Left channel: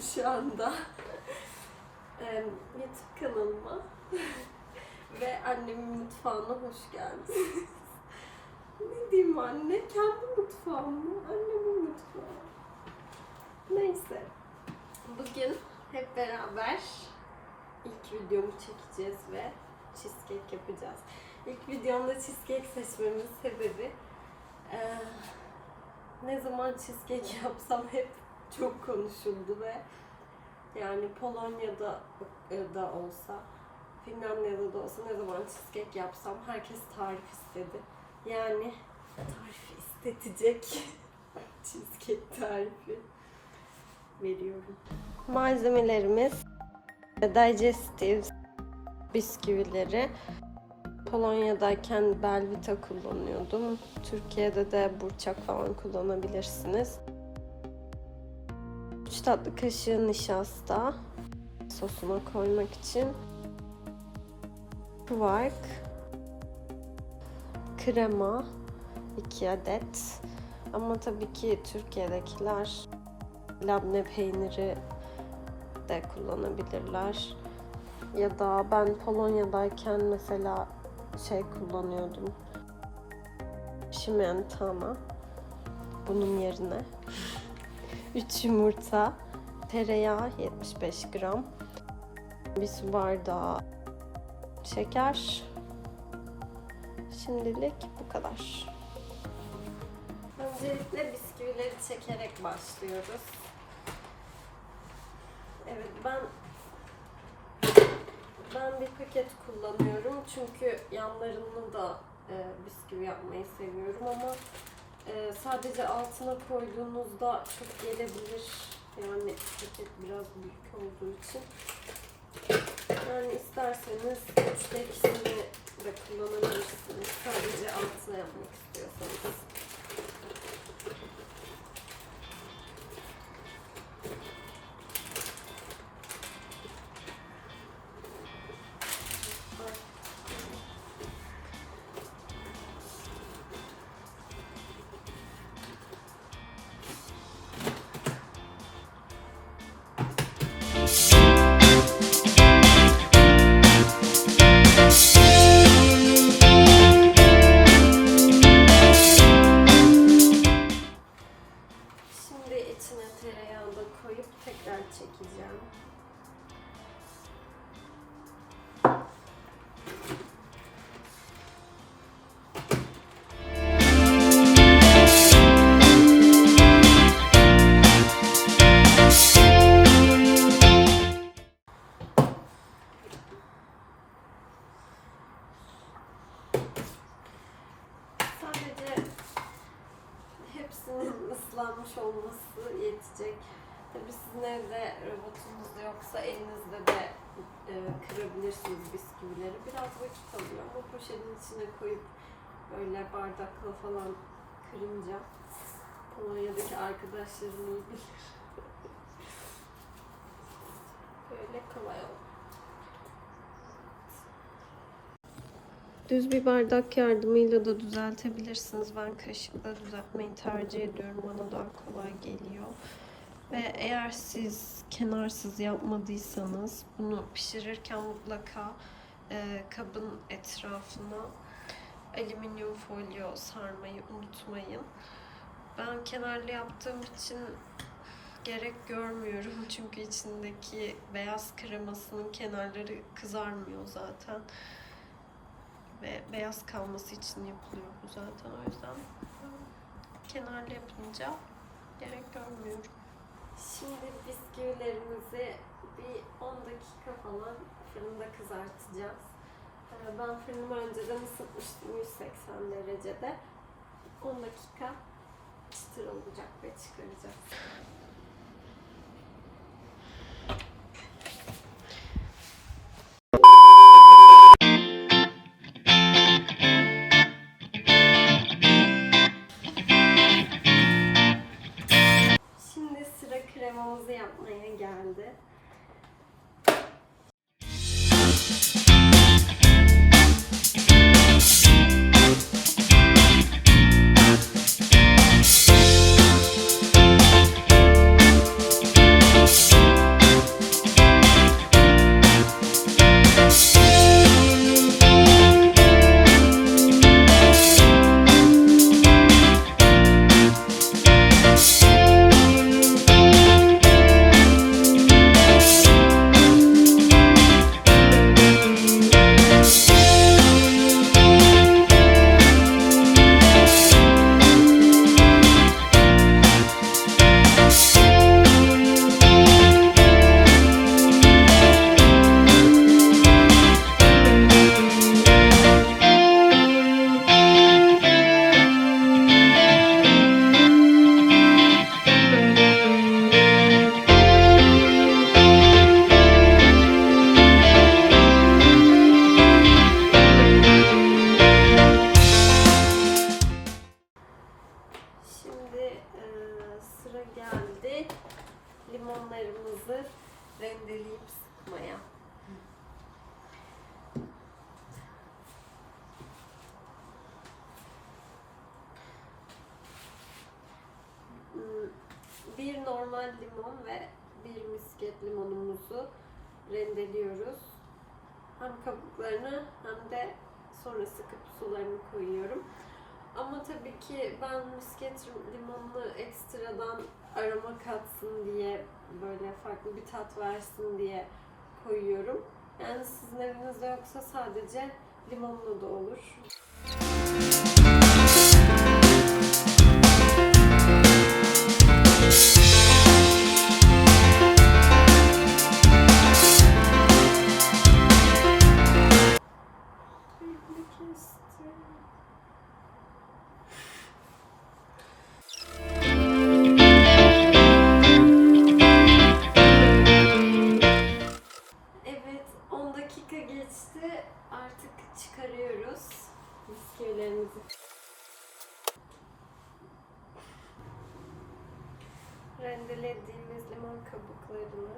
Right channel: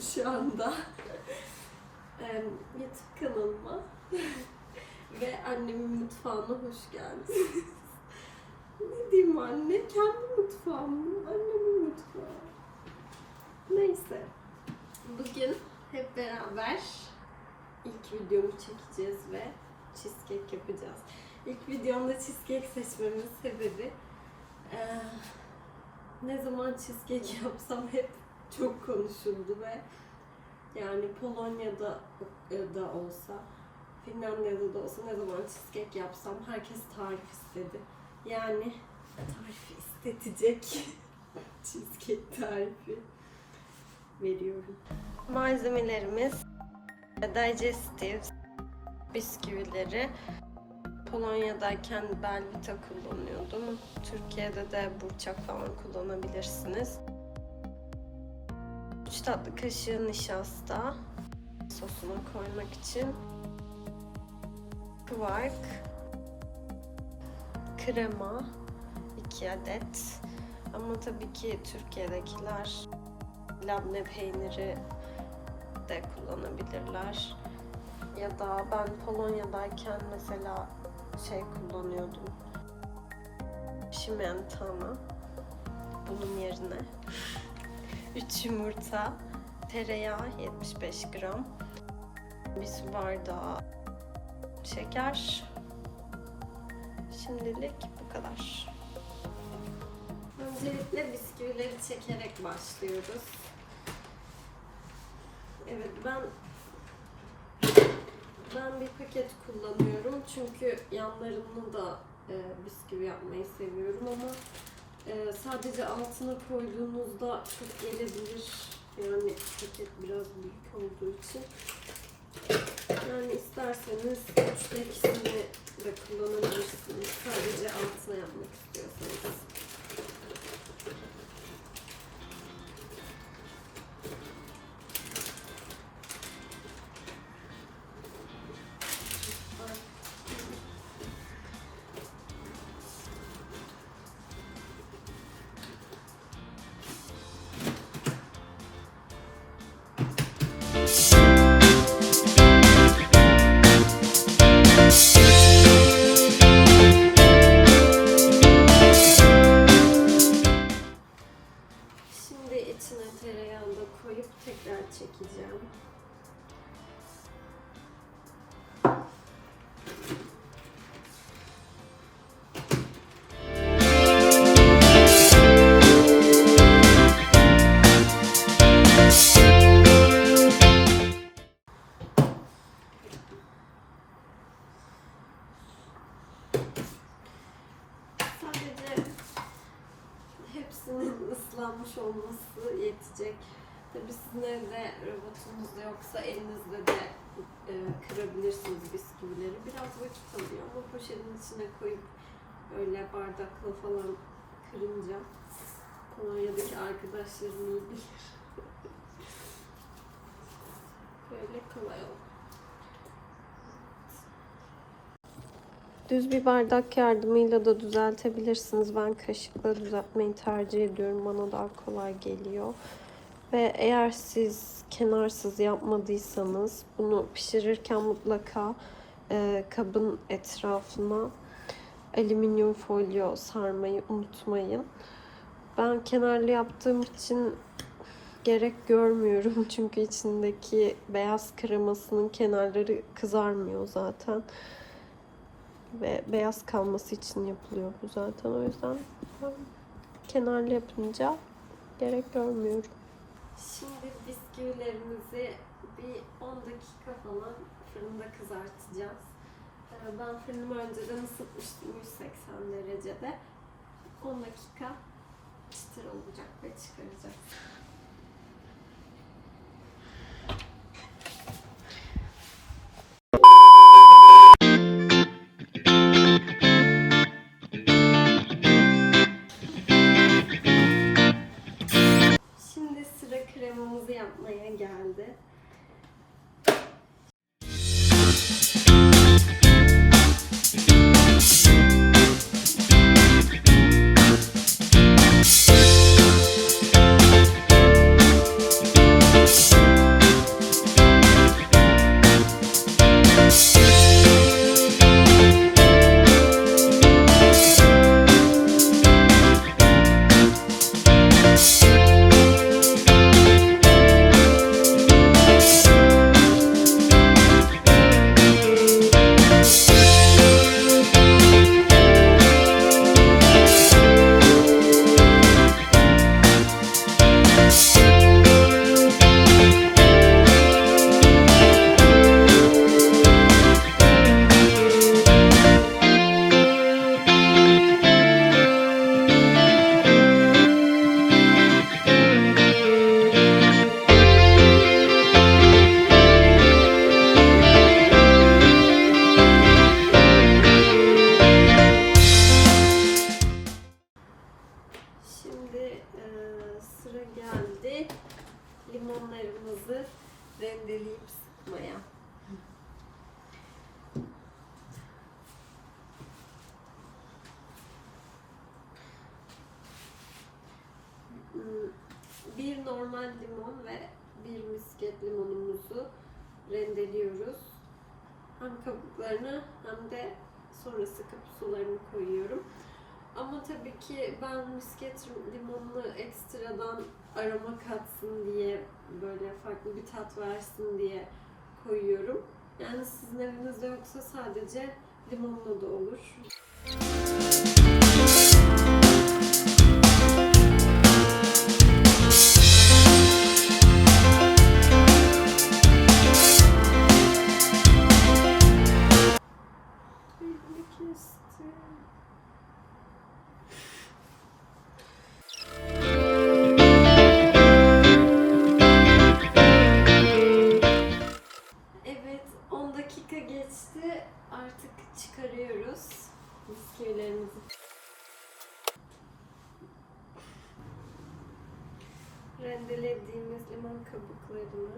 şu anda. YouTube kanalıma ve annemin mutfağına hoş geldiniz. Ne diyeyim anne? Kendi mutfağım mı? Annemin mutfağı. Neyse. Bugün hep beraber ilk videomu çekeceğiz ve cheesecake yapacağız. İlk videomda cheesecake seçmemin sebebi ne zaman cheesecake yapsam hep çok konuşuldu ve yani Polonya'da da olsa, Finlandiya'da da olsa ne zaman cheesecake yapsam herkes tarif istedi. Yani tarifi istetecek cheesecake tarifi veriyorum. Malzemelerimiz digestive bisküvileri. Polonya'dayken Belvita kullanıyordum. Türkiye'de de burçak falan kullanabilirsiniz. 3 tatlı kaşığı nişasta sosuna koymak için. Kvark, krema 2 adet. Ama tabii ki Türkiye'dekiler labne peyniri de kullanabilirler. Ya da ben Polonya'dayken mesela kullanıyordum. Şimentana. Bunun yerine 3 yumurta, tereyağı 75 gram, bir su bardağı şeker. Şimdilik bu kadar. Öncelikle bisküvileri çekerek başlıyoruz. Evet, ben bir paket kullanıyorum çünkü yanlarını da bisküvi yapmayı seviyorum ama sadece altına koyduğunuzda çok gelebilir. Yani paket biraz büyük olduğu için. Yani isterseniz 3'te 2'sini de kullanabilirsiniz. Sadece altına yapmak istiyorsanız. Şimdi içine tereyağını da koyup tekrar çekeceğim. Islanmış olması yetecek. Tabii sizin evde robotunuz yoksa elinizde de kırabilirsiniz bisküvileri. Biraz vakit alıyor ama poşetin içine koyup öyle bardakla falan kırınca Polonya'daki arkadaşlarım iyi bilir. Böyle kolay oldu. Düz bir bardak yardımıyla da düzeltebilirsiniz. Ben kaşıkla düzeltmeyi tercih ediyorum. Bana daha kolay geliyor. Ve eğer siz kenarsız yapmadıysanız bunu pişirirken mutlaka kabın etrafına alüminyum folyo sarmayı unutmayın. Ben kenarlı yaptığım için gerek görmüyorum. Çünkü içindeki beyaz kremasının kenarları kızarmıyor zaten. Ve beyaz kalması için yapılıyor bu zaten. O yüzden kenarlı yapınca gerek görmüyorum. Şimdi bisküvilerimizi bir 10 dakika falan fırında kızartacağız. Ben fırınımı önceden ısıtmıştım 180 derecede. 10 dakika çıtır olacak ve çıkaracağız. Kremamızı yapmaya geldi. limonlarımızı rendeleyip sıkmaya. Bir normal limon ve bir misket limonumuzu rendeliyoruz. Hem kabuklarını hem de sonra sıkıp sularını koyuyorum. Ama tabii ki ben misket limonunu ekstradan aroma katsın diye, böyle farklı bir tat versin diye koyuyorum. Yani sizin evinizde yoksa sadece limonlu da olur. Evet, 10 dakika geçti. Artık çıkarıyoruz bisküvilerimizi. Rendelediğimiz limon kabuklarını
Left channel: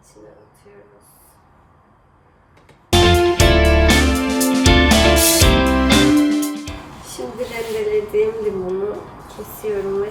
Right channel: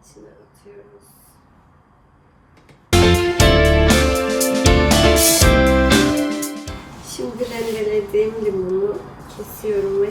içine atıyoruz. Şimdi rendelediğim limonu kesiyorum ve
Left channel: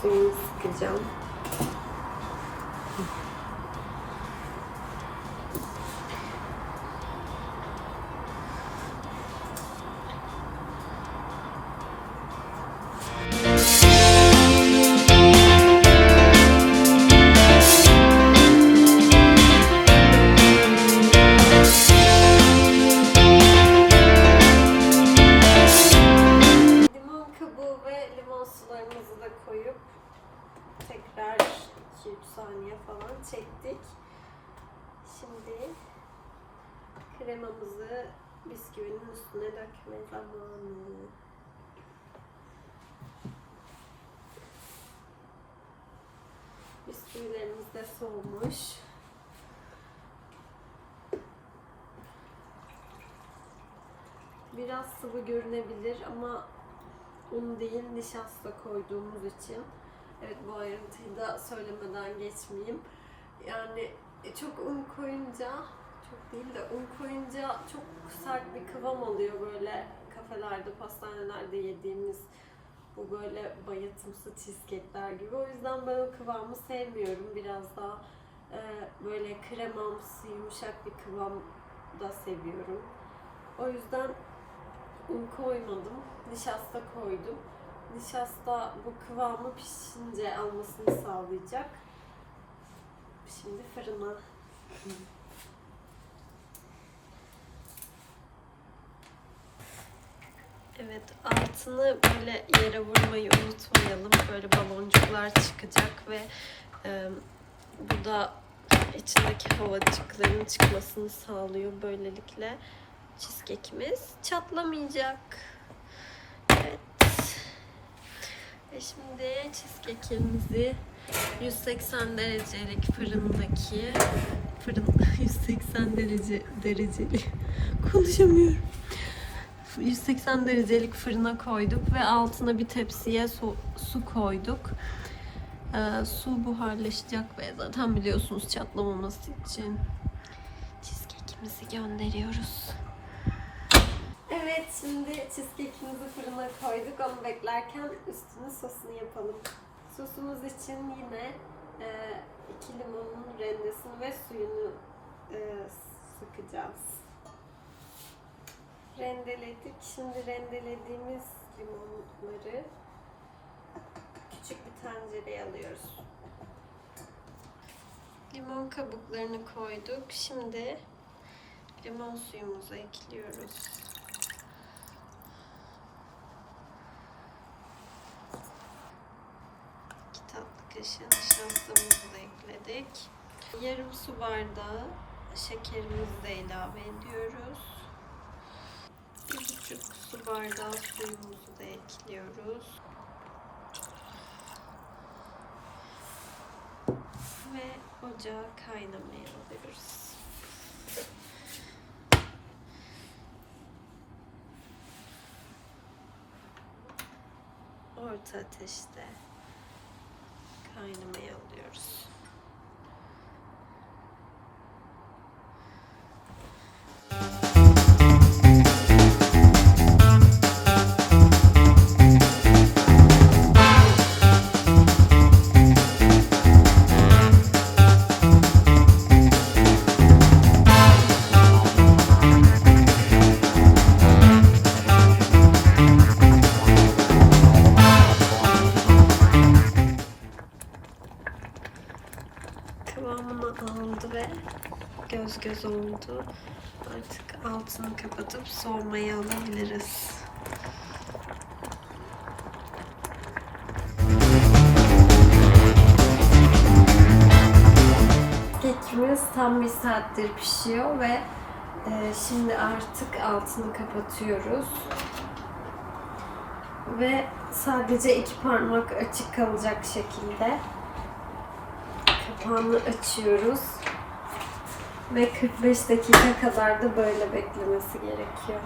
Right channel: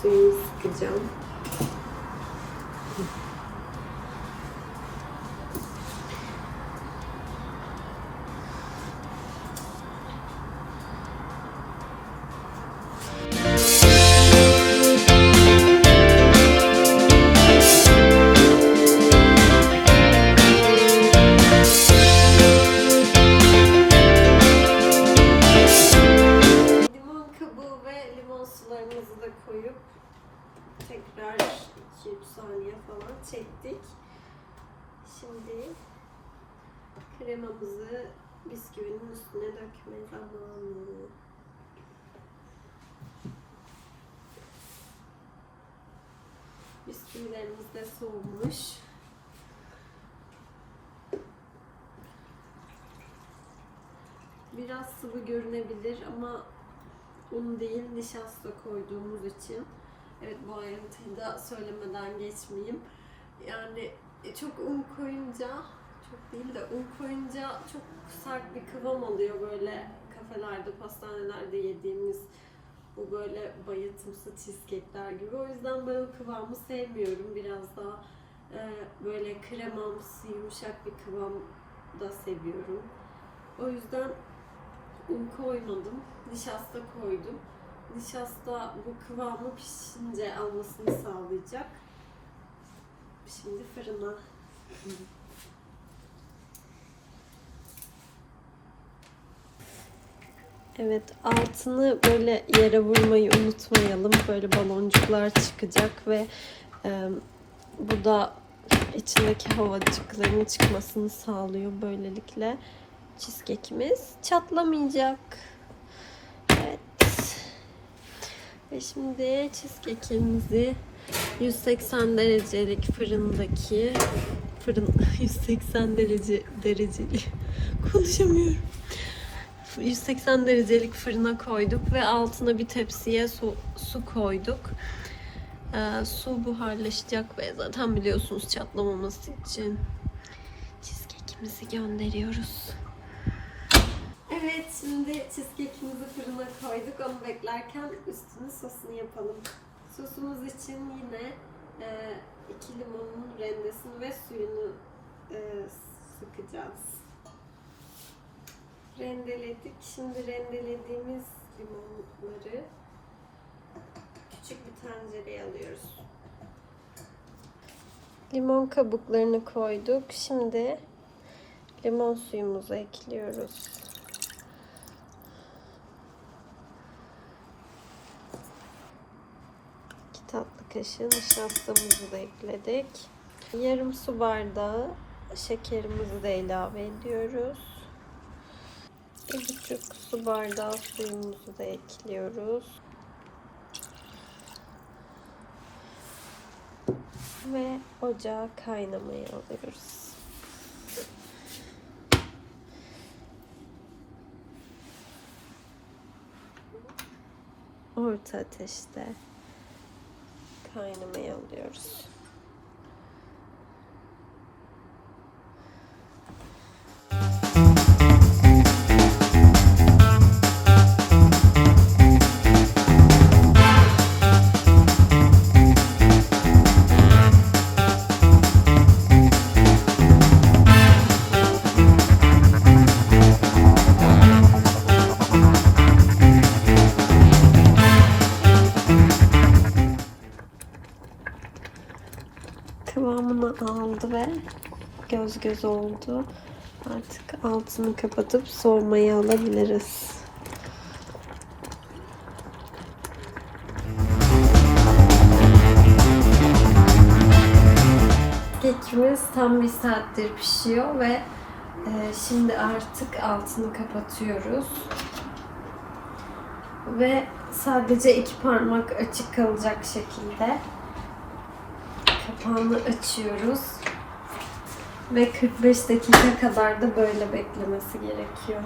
suyunu sıkacağım. Sularımızı da koyup tekrar 2-3 saniye falan çektik. Şimdi kremamızı bisküvinin üstüne dökme zamanı. Bisküvilerimiz de soğumuş. Biraz sıvı görünebilir ama un değil, nişasta koyduğumuz için. Evet, bu ayrıntıyı da söylemeden geçmeyeyim. Yani çok un koyunca, çok değil de un koyunca çok sert bir kıvam oluyor, böyle kafelerde, pastanelerde yediğimiz bu böyle bayatımsı cheesecake'ler gibi. O yüzden ben o kıvamı sevmiyorum. Biraz daha böyle kremamsı, yumuşak bir kıvam da seviyorum. O yüzden un koymadım, nişasta koydum. Nişasta bu kıvamı pişince almasını sağlayacak. Şimdi fırına. Evet, altını böyle yere vurmayı unutmayalım. Böyle baloncuklar çıkacak ve bu da içindeki havacıkların çıkmasını sağlıyor böylelikle. Cheesecake'imiz çatlamayacak. Evet. Ve şimdi cheesecake'imizi 180 derecelik fırındaki 180 dereceli konuşamıyorum. 180 derecelik fırına koyduk ve altına bir tepsiye su koyduk. Su buharlaşacak ve zaten biliyorsunuz çatlamaması için cheesecake'imizi gönderiyoruz. Evet, şimdi cheesecake'imizi fırına koyduk. Onu beklerken üstünü sosunu yapalım. Sosumuz için yine 2 limonun rendesini ve suyunu sıkacağız. Rendeledik. Şimdi rendelediğimiz limonları küçük bir tencereye alıyoruz. Limon kabuklarını koyduk. Şimdi limon suyumuzu ekliyoruz. Tatlı kaşığı nişastamızı da ekledik. Yarım su bardağı şekerimizi de ilave ediyoruz. 1,5 su bardağı suyumuzu da ekliyoruz. Ve ocağa kaynamaya alıyoruz. Orta ateşte kaynamaya alıyoruz. Kıvamını aldı ve göz göz oldu. Artık altını kapatıp soğumaya alabiliriz. Kekimiz tam 1 saattir pişiyor ve şimdi artık altını kapatıyoruz. Ve sadece 2 parmak açık kalacak şekilde kapağını açıyoruz. Ve 45 dakika kadar da böyle beklemesi gerekiyor.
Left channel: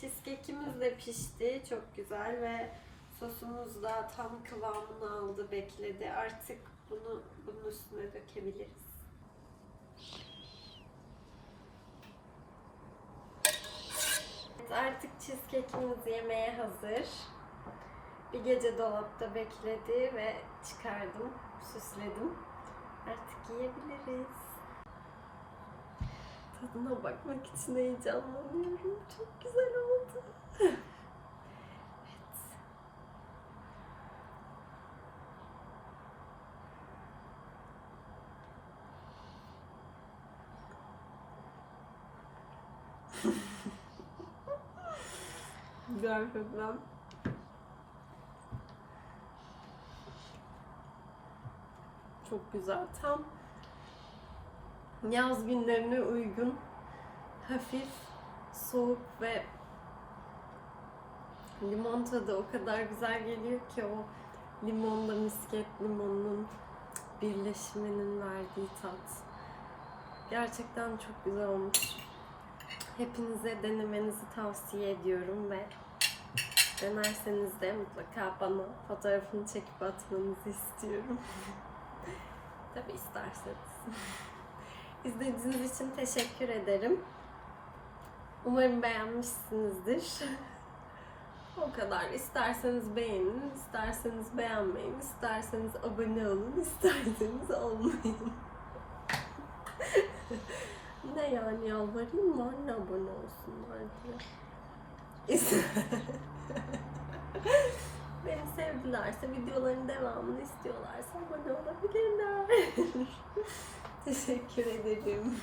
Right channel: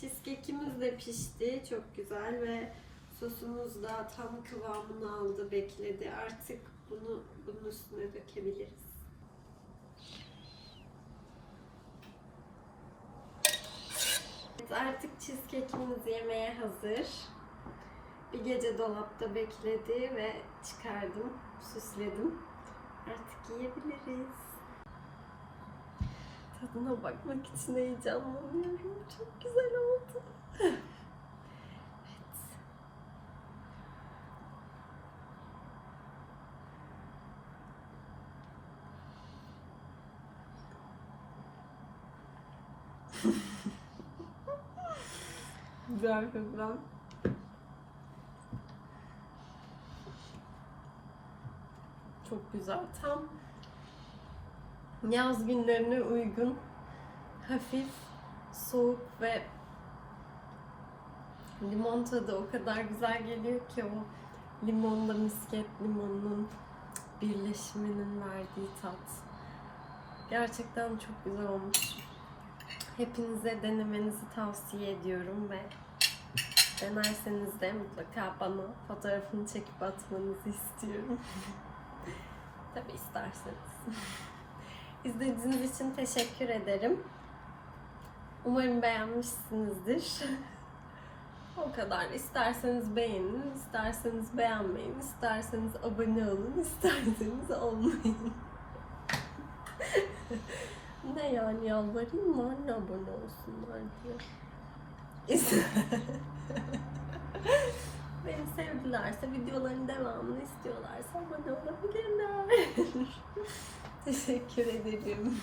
Cheesecake'imiz de pişti. Çok güzel ve sosumuz da tam kıvamını aldı, bekledi. Artık bunun üstüne dökebiliriz. Evet, artık cheesecake'imiz yemeğe hazır. Bir gece dolapta bekledi ve çıkardım, süsledim. Artık yiyebiliriz. Tadına bakmak için heyecanlanıyorum. Çok güzel oldu. Evet. Gerçekten. Çok güzel. Tam yaz günlerine uygun, hafif, soğuk ve limon tadı o kadar güzel geliyor ki, o limonla misket limonunun birleşiminin verdiği tat. Gerçekten çok güzel olmuş. Hepinize denemenizi tavsiye ediyorum ve denerseniz de mutlaka bana fotoğrafını çekip atmanızı istiyorum. Tabii isterseniz. İzlediğiniz için teşekkür ederim. Umarım beğenmişsinizdir. O kadar. İsterseniz beğenin, isterseniz beğenmeyin, isterseniz abone olun, isterseniz olmayın. Ne yani, yalvarayım mı anne abone olsunlar diye. Beni sevdilerse, videoların devamını istiyorlarsa abone olabilirler. Teşekkür ederim.